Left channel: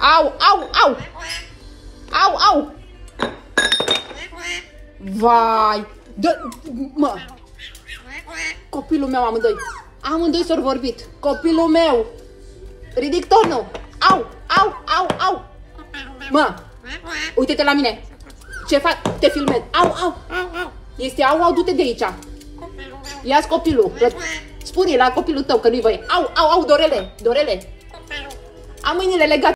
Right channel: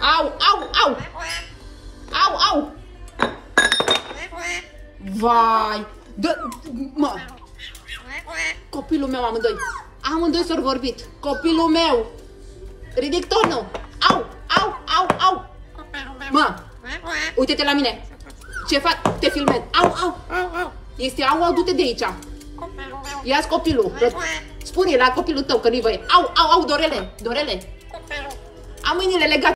Au, au, au! Au, au! Vai! Mă! Copilul meu amândoi. Amândoi s-au vorbit. Copilul meu! Ridic turnul! Au, au, au, au! Mă! Uite-te la mine! Ce fac? Te filmez! Au, au! Este au, au, du-te de aici! Ia-ți copilul! Spune la copilul tău că nu-i voie! Au, au, au, Dorele! Dorele! Am mâinile legate!